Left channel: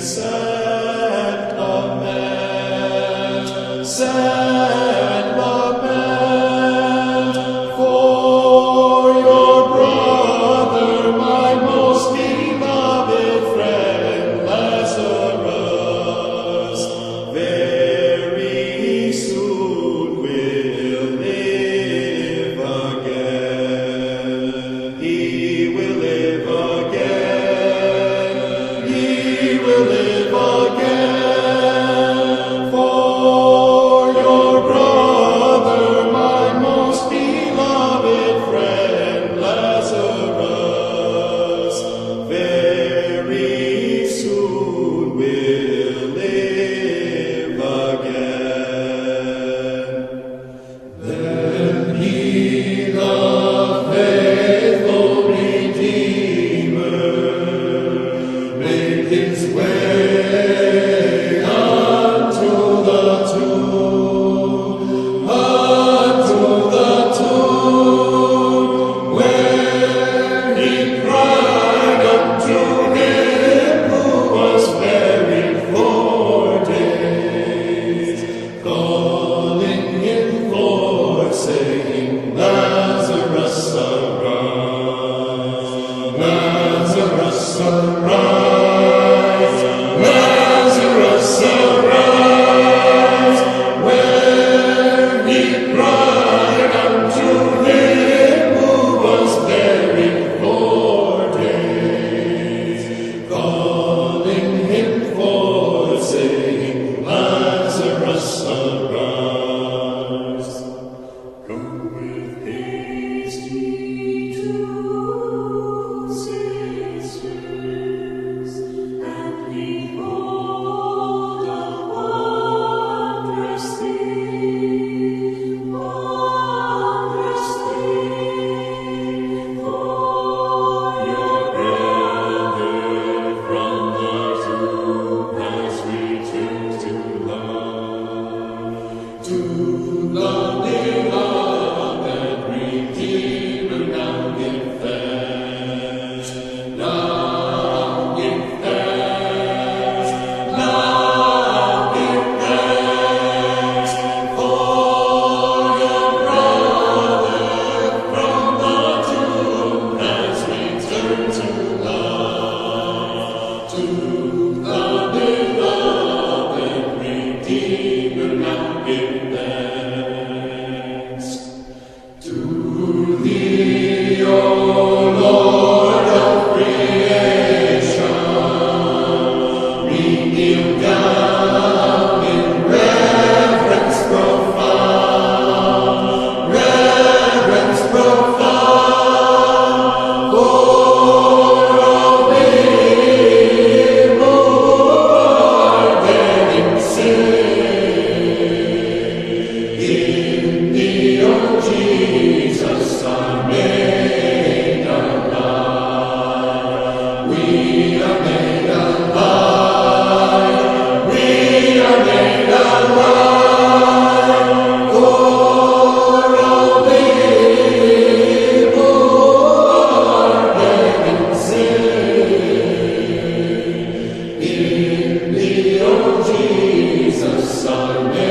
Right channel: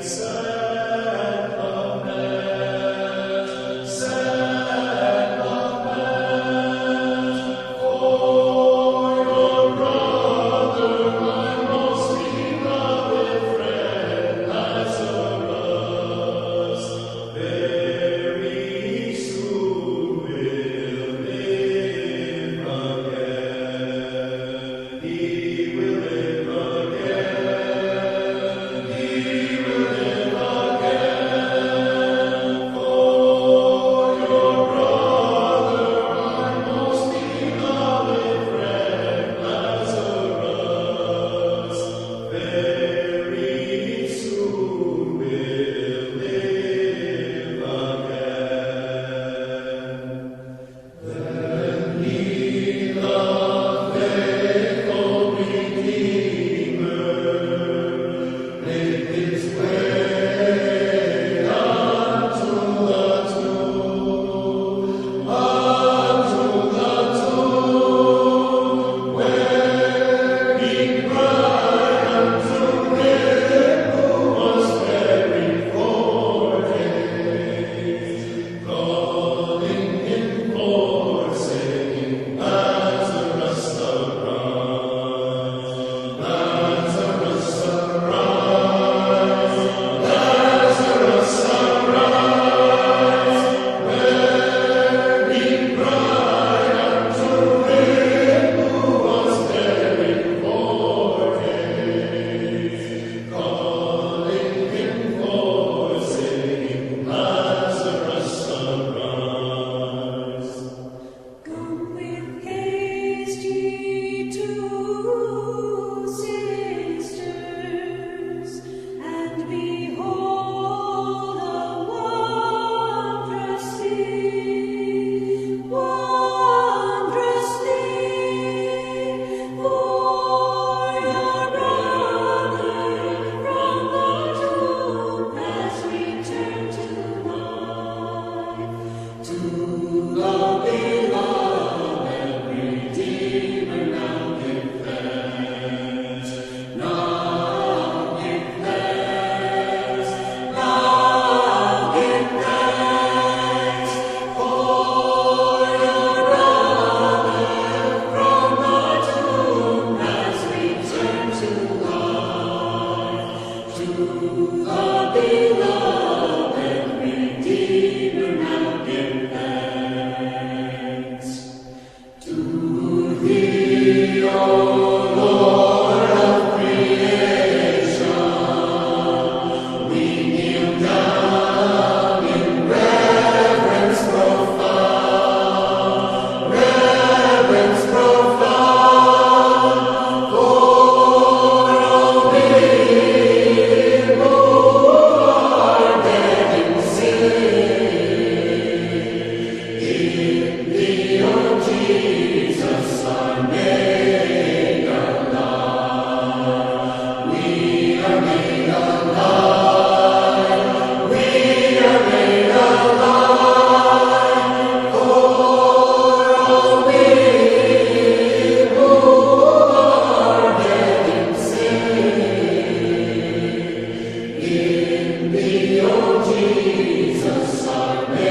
sad lament for your brother, my most beloved friend Lazarus. Very soon will live again. He will live again. He will live again. For your brother, my most beloved friend Lazarus, very soon will live again. Then he, the faithful Redeemer, made his way unto the tomb, where he cried unto him who was buried 4 days, calling him forth, saying, Lazarus, arise, Lazarus, arise, Lazarus, arise. When he cried unto him who was buried 4 days, calling him forth, saying, Lazarus, arise. Come with haste, ye two sisters, and behold a wondrous thing, for your brother from the tomb has returned to life. To the beloved Redeemer now give thanks. Now give thanks. Now give thanks. For your brother from the tomb has returned to life. To the beloved Redeemer now give thanks. To thee, O Lord of creation, we kneel down in reverence profound, for all we who are dead in sin. In thee, O Jesus, are made alive. We are made alive. We are made alive. For all we who are dead in sin. In thee, O Jesus, are made